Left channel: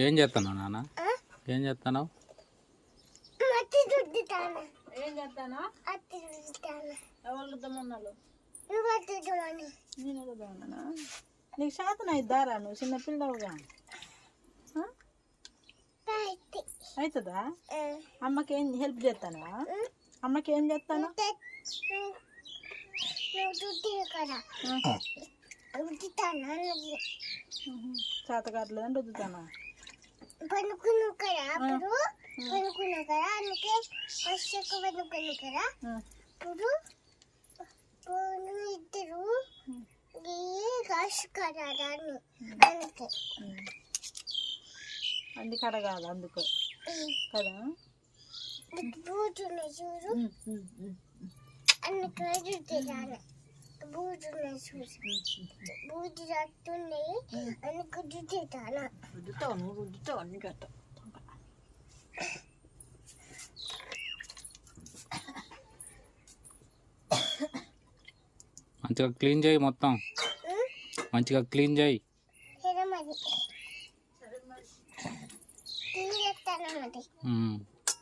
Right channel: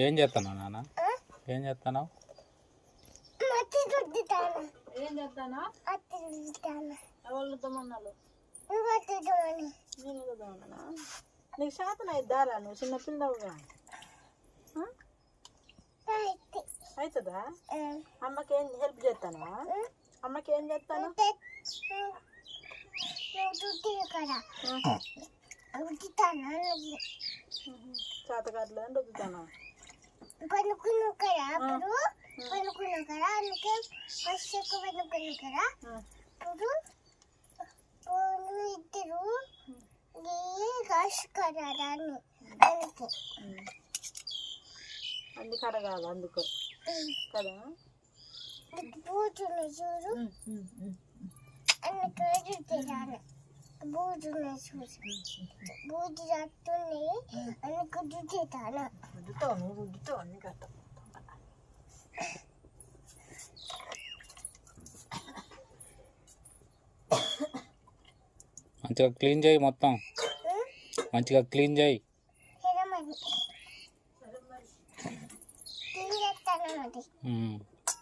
ఏం చేస్తున్నావు నాన్న? ఏం చేస్తున్నావు? ఏం చేస్తానా? ఎవరు దుమ్మన్నారు? నేను దుమ్మన్నా. నీకు శాతం అయిద్దారా? నువ్వు చిన్న పిల్లవుగా అవుతుందా? అమ్మకి ఏం హెల్ప్ చేస్తానా? అమ్మకి ఏం చేస్తాను? చేత కావట్లేదని రుద్దుతానా? పనుకున్నావు కదా అప్పుడు పనుకున్నావు కదా అందుకే వర్షకు పనుకున్నావు కదా ఇప్పుడు ఇద్దరు కాసుకరాని అందుకే అన్ని కడగాలి అందుకు కదా. బూజుని చూడు అన్ని కడుగుతాను బూజుని చూసి బూజు రట్టున్నాయి అన్ని కడుగుతాను రుద్దుతావు అన్ని కట్ట. మంచిగా క్లీన్ చేయి, మొత్తం మంచిగా క్లీన్ చేయి.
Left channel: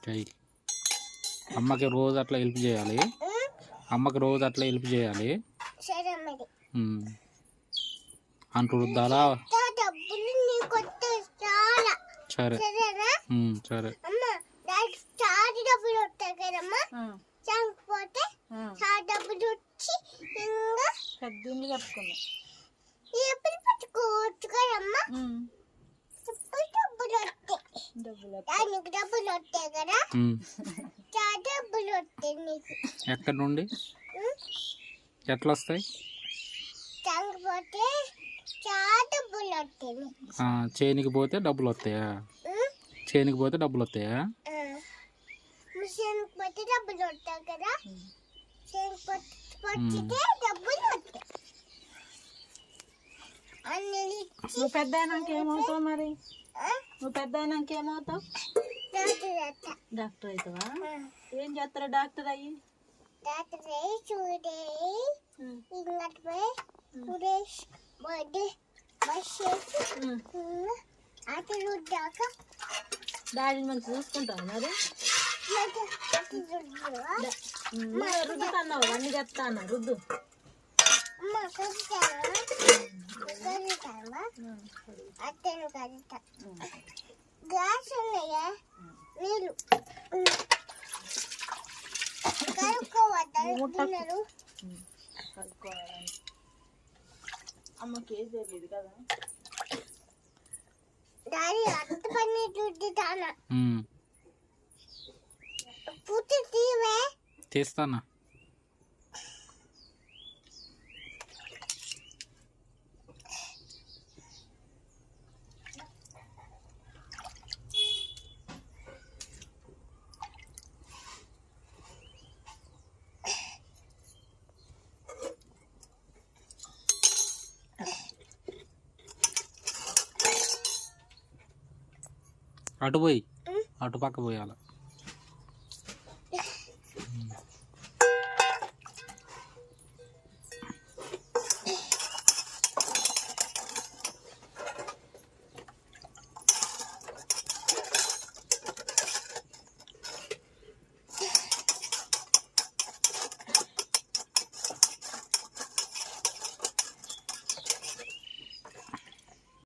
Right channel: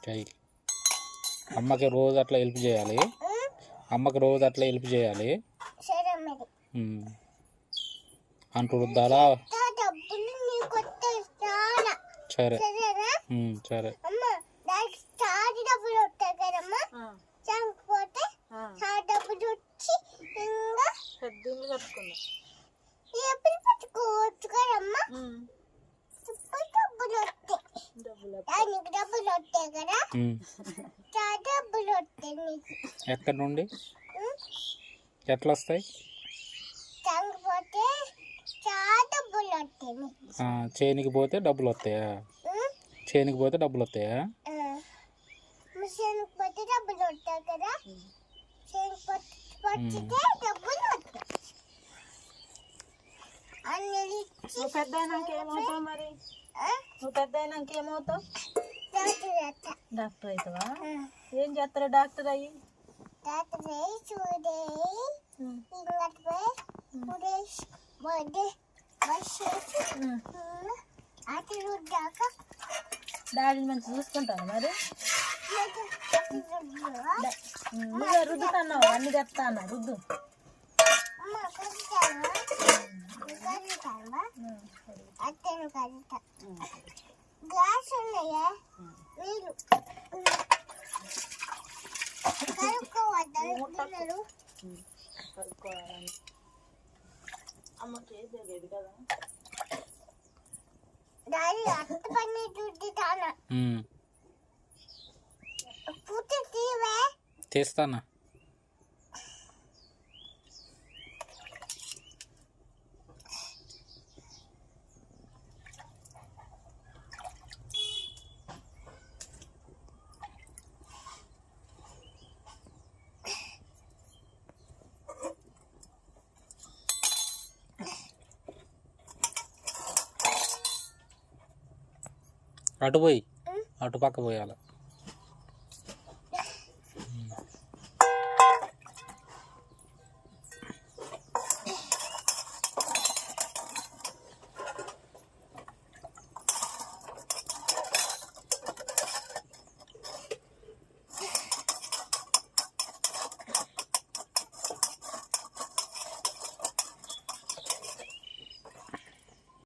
చెయ్యి. అమ్మకి రోజు అట్లా హెల్ప్ చేయాలి. అమ్మకి రోజు అట్లా హెల్ప్ చేయాలి. అంటూ రుద్దాలా? సరే సరే. ఎక్కడి నుండి ఎట్లా వస్తాయి? చేనికి పోతే డబ్బులు వస్తాయా? చేనికి పోతే డబ్బులు వస్తాయా? నువ్వు పెద్ద అయినాక ఏమవుతావు మరి? నువ్వు పెద్ద అయినాక ఏమవుతావు? డాక్టర్ అవుతావా? ఏం చేస్తారు డాక్టర్ అయ్యి? డాడీని మంచి చూసుకుంటావు మరి? నువ్వే రుద్దుతున్నావు అన్ని చెప్తాను రుద్దు. గ్లాస్ ఉన్నాయా నీళ్ళు కడుక్కోవద్దు. అమ్మకి ఏది తెలియదు కదా. డాడీ అంత పని రుద్దుతాను పూర్తి తీవే తీస్తానా? అటు పోయి అటు పక్క పోయాలి.